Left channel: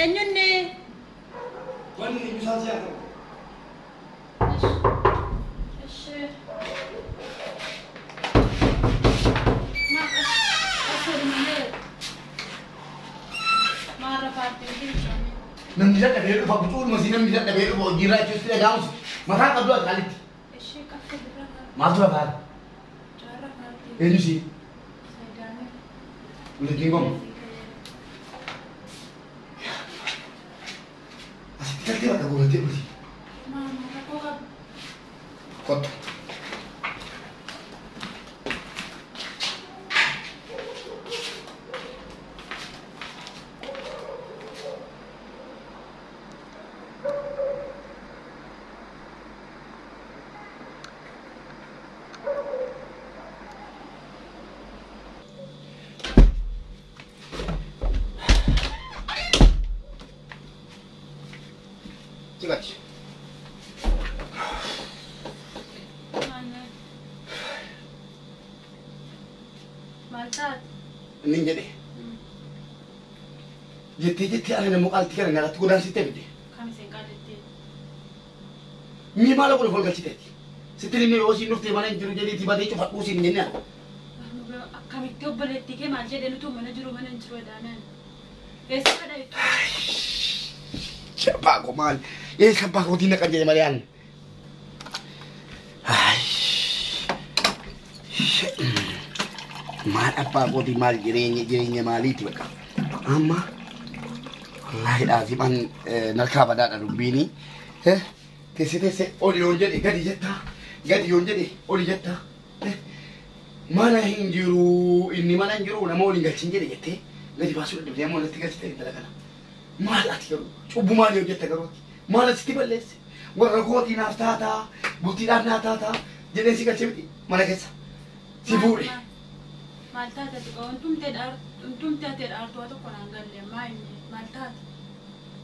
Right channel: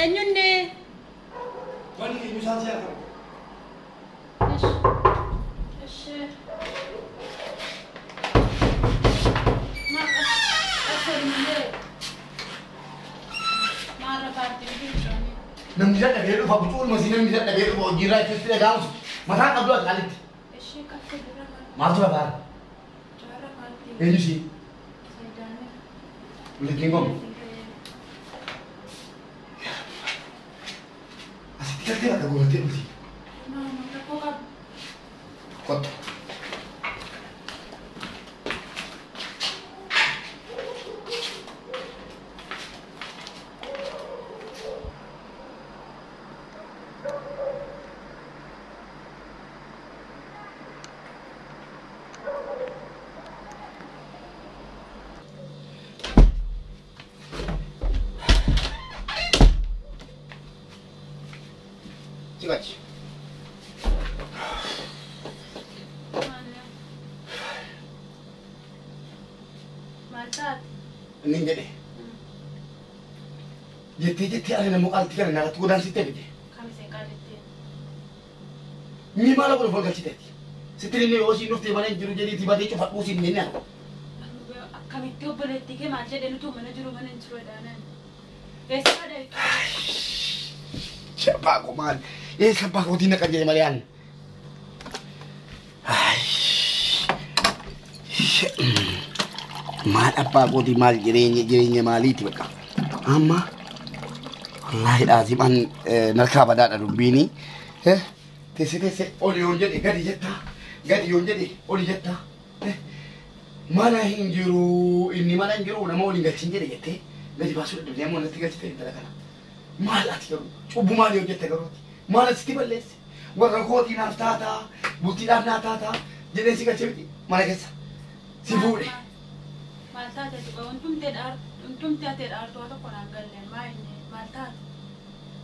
Eenyuunni? Wanni eenyu isaan si argamu? Ishee. Asirri malee. Maara paartiin jirtu. Namni dadhabee dhufa butuun masii namni dadhabee dhufa hojiirraa itti dhaga'amus mataa qabdu akaalitti. Ishee akka jira. Maaltu lafaadha? Jaara paartiin. Eenyu si? Saayidaalee. Walitti gomu. Asitti galtee bakka gootee dhuti. Maama rakkoo qabu. Kottu. Cikaci. Maltaat. Nin jedhe. Jettee ani nama qaalti kana nyaatatti godaansitee miti. Kamiseen qaalettee. Mii maala godhe folgalchiteetti. Sitti inni yoo isiin dhuftee mana hin jiru jedhiitii badee cufadhuu siin jennaan. Akkamitti obboleettii kee maal jedhee nutu mana jiru mana hin jiru edaanan. Eessadha jechuudha. Siapa aku mal? Siapa aku tindak aja Marian? Mal apa aku di mal jerinya mal itu kan? Amma, wallahi azim an narkaba da rubini. Tese oli yonje di gadi yonje di oli jetta. Mana hinjiru inni mana hinjiru nama oli galchinje di jette. Gadi basu da demo na tigalchite dalakana. Maal ati garuu cubbuu maali hojjette garuuti maal asitti balleesse warra kootii naaf taataa bultiidhaaf naaf taataa jedhee si galchee mana keessa si fuudhe. Maal taate dhumtumtee ati dhaartuu tokko naan galle maal taate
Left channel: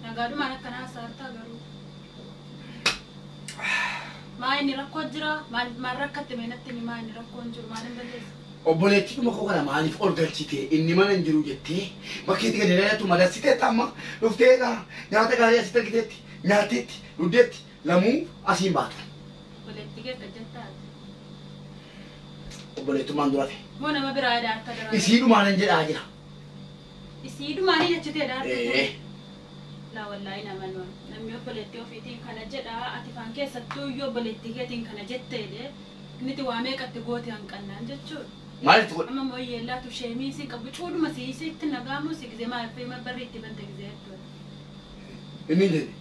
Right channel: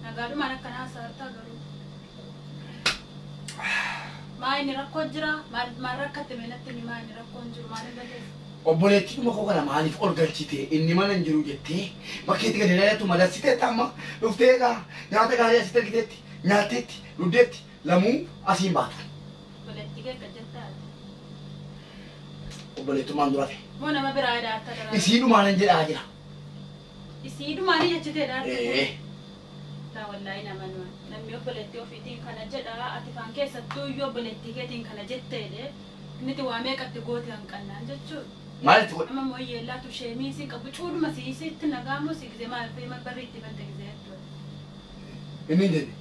nagaadhumaan akkanaa saartaa garuu maa inni rakkoo jira maal rakkatte meenatti ni maa inni rakkoon jiru maal hin balleesse. Obboleettii dhuma koo kana maaliif ol galchite inni mana hin jiru jettee bakkeetti gadi dheeratu madassiteetti amma dhufteedha nyaata gaarii asitti argiteetti nyaatteetti dhuddeetti lamuu asiin baatu. Obboleettii kee akka jettaati. Obboleettummaan durate. Moo nama biraa yaadaata dara. Isiidhumaan hin jedhaa jira. Isiidhumaan jechitee dhaarte. Laa wallaahi namni obboleettii ofiitiin kana jedhaa ati faan keessattuu iyyuu obboleettii keetiin kana jetteedhe inni waa meeqatti goote hanqannaan jechuudha. Maalitti godhe? Amma mooyyee laatu sheemii si qabu cuudhuma siisitti nagaamu si gizee maal fayyima barri itti bante gizee jechuudha. Inni hin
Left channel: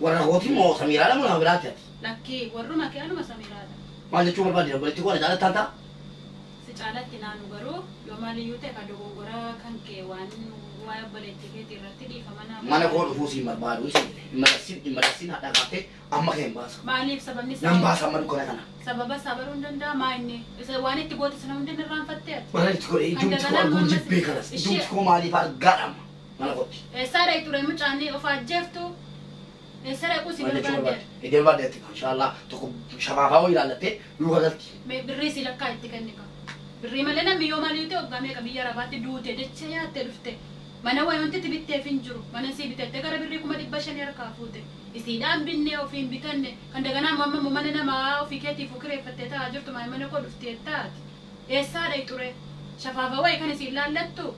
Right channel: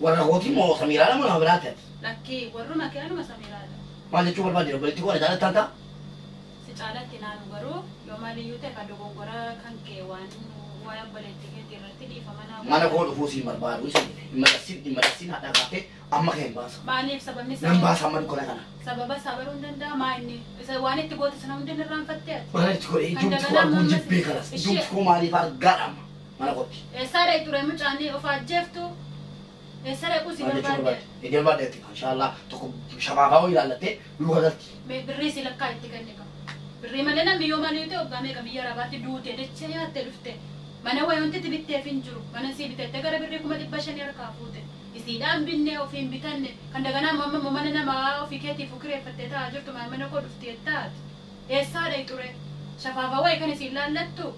warra hootii moo Samiiraadha moo nama biraatti ati? Lakkii warruma kee anuma Samiiraadha. Maal jechuu barbaadde obboleettii koo na jaalattaan ta'a? Si caalatti naanu garuu yoo maaliyyuu ta'e kan dogongora kan kee waan waa'ee obboleettii keetii irratti dhiifama naa. Mana koo dhufuu siin barbaadu dhimma dassin haadha kaaftee amma kee hin baasa. Maaliif sababni Nan baasa amma dukkana kana. Sababa sabaruu hin danda'a maa inni isa waan itti goote sana hundi irraanfattee ati. Maalitti godhe iddumti koo arguun jibbee kanas iddumti koo maaliif argaadhama mana kootti. Eessaadha ture mucaanii of ajjeeftu eessaadha qusi barbaadde. Iddoo barbaaddeetti inshaallah tokko shabaabaa wayii ilaallattee luka galti. Birrii si lakkaa itti kenne qaba. Birrii malee namni yoo maaliif ta'e waggaa meeqa biyya arabaatti duute dachee nyaattee dhufte. Mana wayanti bitteef hin jiru. Mana si bitette gara birrii 500 harkaa fuute. Isiidhaan binnee ofiin bitanne kan daganaa mamma mana namaa ofii keetiif kireeffattee taa'aa jirtu mana koo dhuftee taati. Eessaadha ture? Shafaafa wayii kan isin laallattu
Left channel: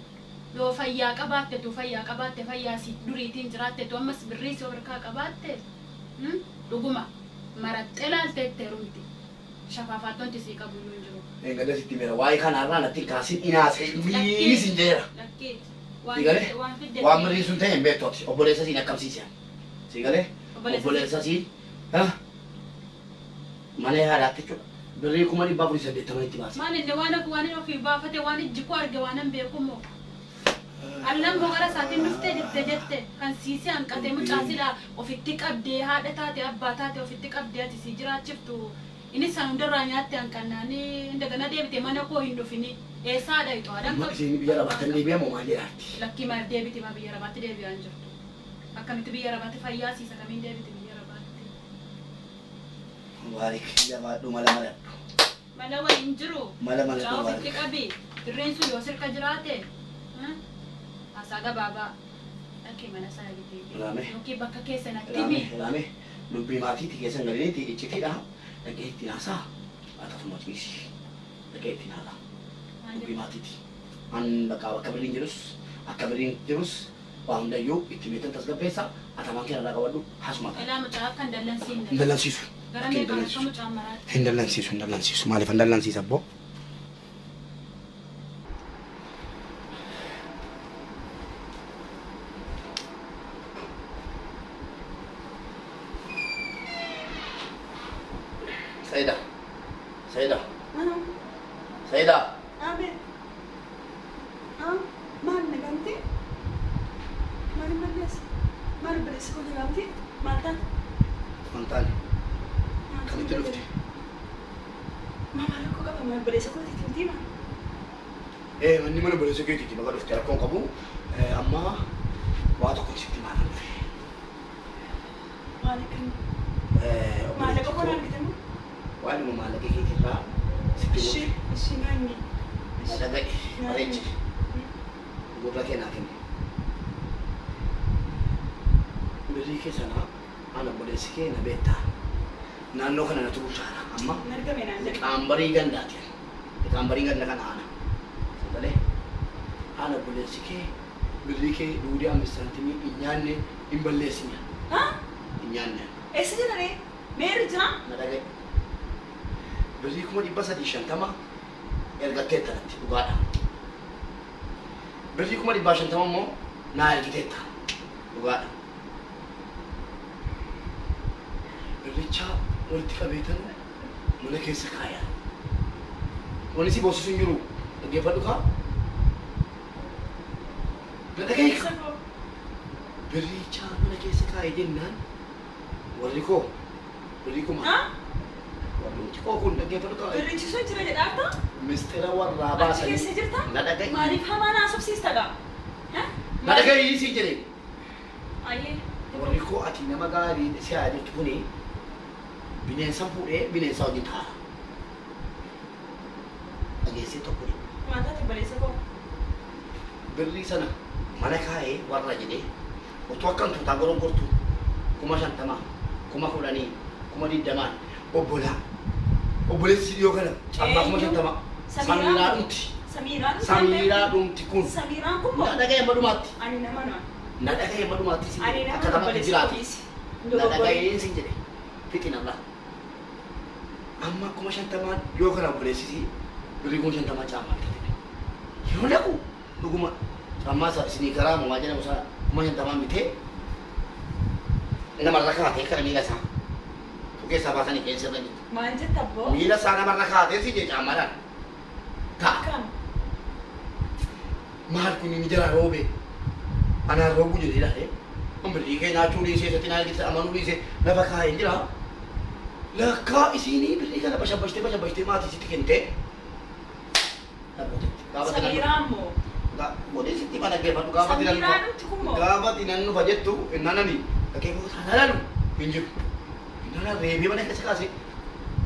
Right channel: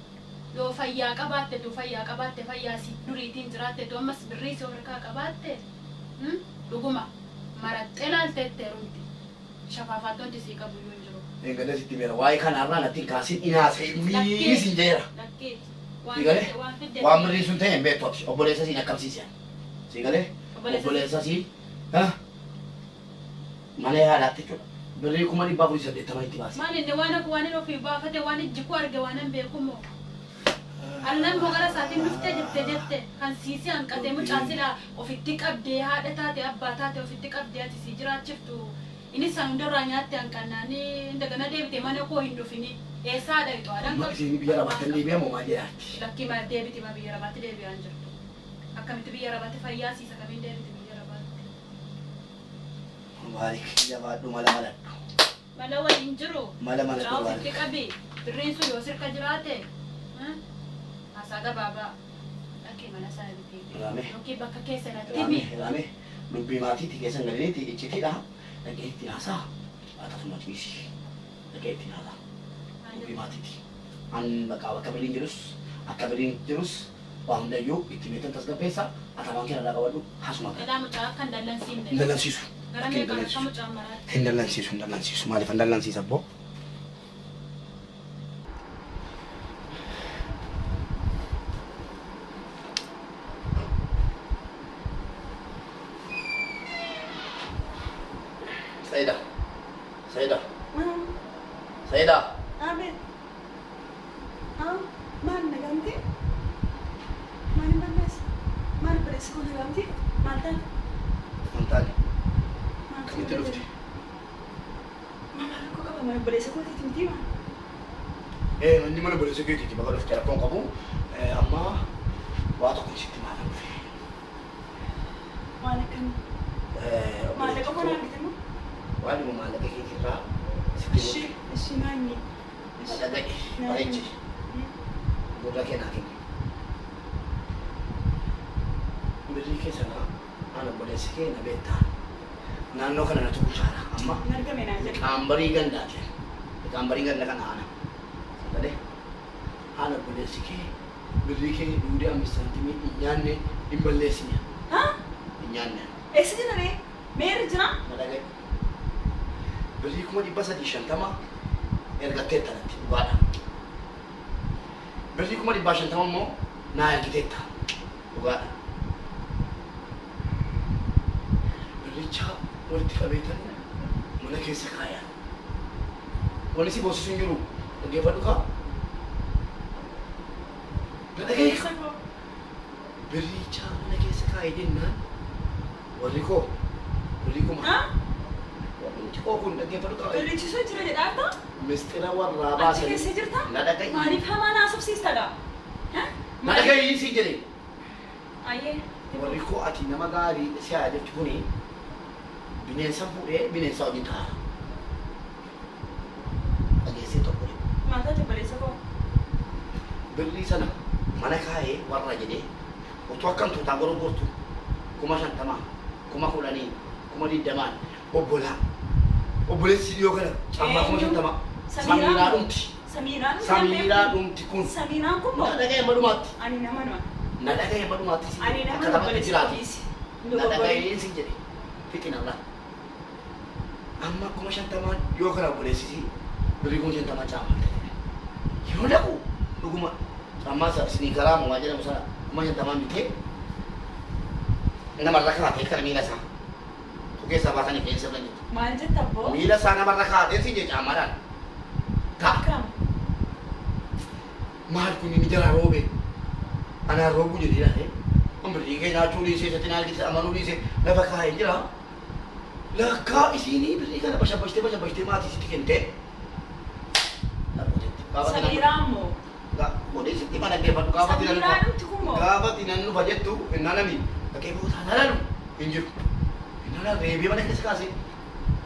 yoo fayyaa qabaatte fayyaa si duriitiin jiraatte tu ammas birrii si harkaa qabaatte dhuguma maraxxee laalteettee rumti. Shafaafaattonti sii qabu iyyuu hin jiru. Eegale sitti meera waa'ee kanarraa natti kaasin inaasee liisin jeera. Waan birrii sun ta'e hin beektooti obboleessa siin akkamsiisan. Sigalee obboleessa siin mana yaadaatti jechuudha. Birrii 480 itti baase. Maal inni waan ofii baafate waan ijji koo arge waan hin beeku moo. Annan bogara isaatiin dhuftee jette kan siisee hanqatee mucaasilaa ofitti qabdee haadha taate abbaa taate ofitti qabdee ati sii jiraachiftu. Ini san hundarraa nyaatte hanqannaanii indagana deebite mana koo hin dhufini. Eessaadha itti waadaan qabu. Isin biyya rabaatti deebi'amoo maal jedhaatti? Lakkii maal deebiti ma biyya rabaatti deebi'aan jirtu. Akkamitti biyya rabaatti fayyaa siisa kamiin deebiti biyya rabaatti. Waarik jabaadhu mala maladhu. Mala waliin jiru. Mala maladhu waarik. Ofitti qabi. Birriin sun yoo sirka jiraate. Asaa gabaabaa. kee mana isaa bitee. Raame. Yookiin bakka keessanatti Raame raame dubbii maatiitii keessan galiniiti iccitiidha dhagee itti haasaa akkasuma ciisi dhagee itti haasaa dubbii maatiiti an bakka bakka biriin jirus akka biriin jirus waan hundayyuu itti meetan tasgabbeessa atamaan keenya irraa qabadhu haasuma ta'e. Ilaa mucaa akka hin dallansiifne. Hin dallansiisu. Gara meeqaan akka mucaan maraatti. Hin dallansiisu maaliif hin dallansiisa abboo? Saida. Saida. Abe. Maal nagamti? Maal ballees? Maal ballees kun nagamti? Maal tan? Mantaan. Kamitti dhufti? Maal ko qaba maal ballees kun itti ma? Manni mana balleessa keetiiti bakka dhufti rakkoon qabu amma waa tokko sitti maal dhufe. Maal kan? Maal ko kon argite mo? Waan dhuma maallaqa keetirraa sitti dhufe. Ishi maani. Dhaga'i bareechi. Gurra keenyaa kenni. Birrii keessana ana balleessi kee na beektaa. Naannoo kana na turuu caala amma. Nargame naan jedhe. Qaambarii gandaati. Qaambarii ganda kana ana. Sagalee ana balleessi kee birrii kee duudii ambistantimii hin nyaanne hin balleessine. Hin nyaanne. Eessa jira ree? Meerri jira? Na dhaga'i. Birrii 350 ergattee tanatti dhugaadha. Birrii 150 immoo naa ergiteetta dhugaadha. Birricha walitti qabeetan mana keessa kaaya. Wanni si boosisu hin jiru dhaggeeffadhu kaa. Na dhaga'i ka. Birricha mana keessa kaaya jennaan warri koo birrii kuma. Wanti koo kun dhaggeeffadhu kaa. Birrichi sun jira jedhaa Mistira warraa Achi baasanii. keessa jirta? Na dhaga'i. Maaliif hamaa naasofsiistadha? Na dhaga'i si jedhee. Ayyee. Warri koo ati nama gaarii si haa jechuun bineensa fuudhee bineensa wajjin ta'a. Dhageessee tokko Maal taate balleessa koo? birrii sana mana kaa'ee warra jedhee otoo akkam tuutaa gorogortu 50,000 10,000 20,000 obboleessi dhiyoo kana cammaa 50,000 Samiiraa dhumti. Samiiraa dhumti kun. Samiiraan kun moo? Na dhaga'e madumaatti. Ani nama nama. Na dhaga'e madumaatti si Ani nama akka namatti jiraati. Na nama. dhaga'een si jedhe fixinarra. Amma 50,000 yoo kana obboleessisi birrii 50,000 caammaa bitate. Yoo dhaqu dhuguma caammaa isa isinii garaa moo waa jedhamu sana 50,000 bitee namarra kaatee kana miila isaa. Keessaa baasanii keessa irra jirtu. Maal jetta abboo? Miila isaa namarra kaatee si jee caammaadhaan. Ta'a. Akkam? Maal kun inni jala roobe? Anaan roobu jedhee dhahe. Birrii kee nyaachuu dhiisee satti naa argite amanuu dhiisee lafa kaa'ee jira. Lakkaa isiinii birrii kana bashabbashtee maatii sitti kentee. Samiiraan moo? Godhee sitti mana geeffadhu gaafatti nan Samiiraan dhumti kun moo? gaafatti nan dhufa jettu innanani dhaqee booda halalu hin jiru. Innana reebee mana keessa kaasee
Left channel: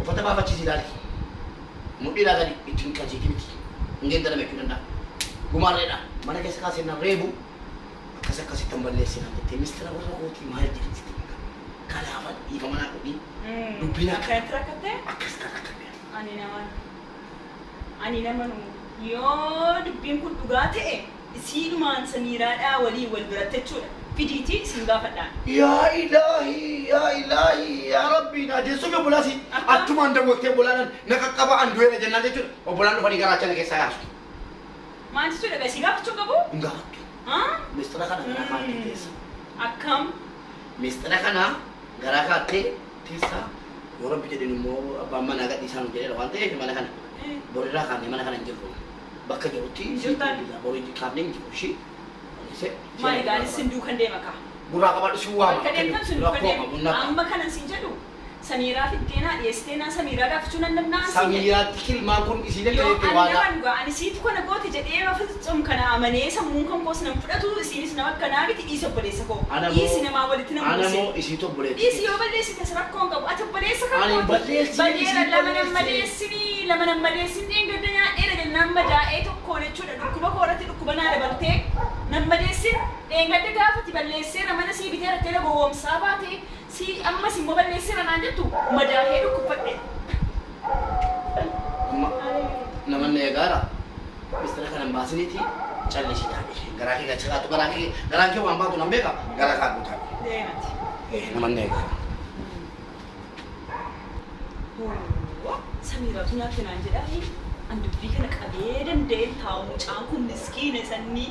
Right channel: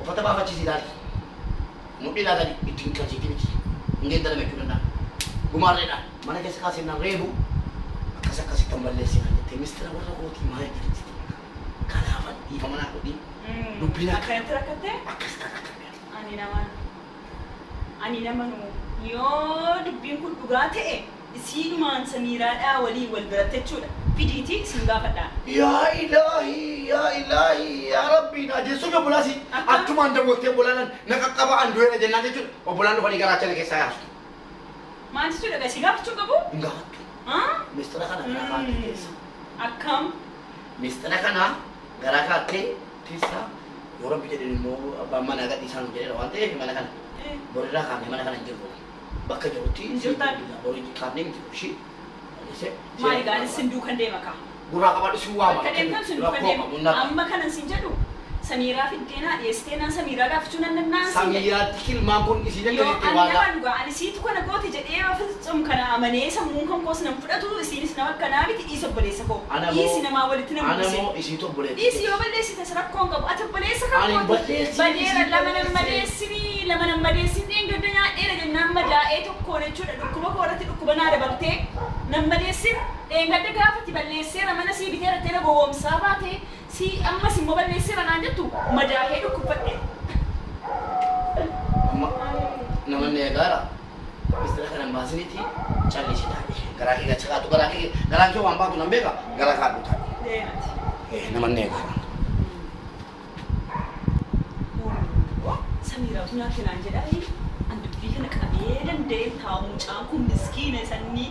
uffata baafachiisii ilaali. Mudhiidhaa gadi ittiin qalchiiti miti. Hundeen dhala meequu danda'a. Gumaarreedhaan mana keessa kaasee nan reebu akkasitti hin balleessinaan jettee mistira warra kootii maal jedhamti. Kanaafan dhiifama naa godhi. Dubbiin Akkanatti rakkattee? akkasitti akka Ani nama nu yoo dubbiin kun dhugaa ta'e isiidhumaan Samiiraadhaa waliin wal biratte jechuudha. Fidiitii isin gaafadhaan. yaa ilaahi yaa rabbii na adeessuuf obbolaasi achumaan daawwattee obbolaan na qaqqaba an du'eera jennaan jechuudha. Obbolaan dhufanii garaachana keessaa yaasu. Maal jechuudha gaa isin gaafachuu qabu? Hin gaafattu. Mistira kana garaa kaattee teessa. Akkam? Mistira kana garaa kaattee teessa. Yoo rabbi jedhin immoo abbaan manaa gadhiisaan jedheera waan ta'eef mana kana borirraa kaafnee mana kana hin jirru. Bakka jirutti borii kaafnee hin jiru ishii. Maali gaa isin duukan deema kaa? Gurraa qabadhu si waama. Akka deemtan sin duukan deema. Amma kanan sin jedhu Samiiraa fiddeenaa dhiyeessiteenaan Samiiraa gaafachuu nan danda'an sin jedhu. Samiiraatti kilmaan kun isii Yoo dandeetti ani waadhaa. nama dhugaa ani siitu kana gooti jedhee rafetsom kana amanee sammuun kan koos nan fudhatu isiinis nama akkanaa miti dhiisa obboleessa koo. Dhiisi namaa walitti nama Ana buuse. moo isiitu obboleetti. Dhiisi yoo balleessites rakkoon qabu ati obboleessa kan Ani balleessini, Badeera isiin lama nan balleessini. madeessini lama nan madeessini gadda nyaadheera jennaan madaa'ee tokkoon jechuudha dhukkuba koo irratti dhukkuba naa dabaltee Nama balleessira. Gadda gaafatti balleessira mana sii bitee rattee gowwoomsaa baate sii ammas immoo balleessira naan jettu madaahee dhukkubadhe. Amma namanne egaara mistira kanan baasiniiti callisii taate garaa kee gachaqaatu garaa kee waan baatu nan beeka garaa kaadhu taate. Namanne egaara. Samiiraatu nyaatti naan jedhaa an dubbii kana qabee danda'een taa'u mucaan kun miskiina sannii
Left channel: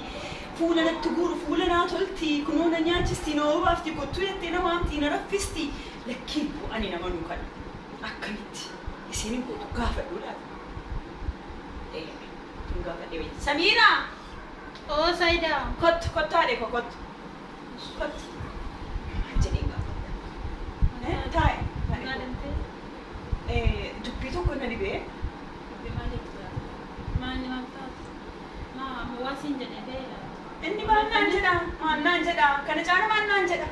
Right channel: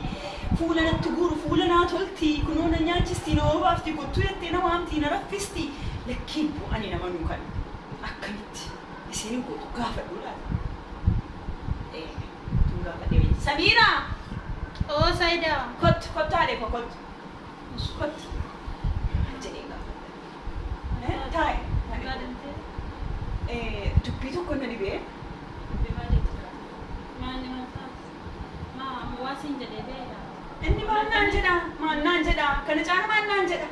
fuula natti guuru fuula naa tolti kunoo na nyaachisti na obaafti kottuu jettee nama amtii na raffisti lakkiin ani nama nuu kana akkamitti isiin gootu gaafadhuudhaan. Tun gaafadhee Samiiraa! Oo Saayidaa. Kottaadhe kottu. Jedhee gaafadha. Taa'e. Dubbii tokko na dhibee. Waan siin jedhee beela. Inni maal naan jedha? Kana caala maal naan jedha?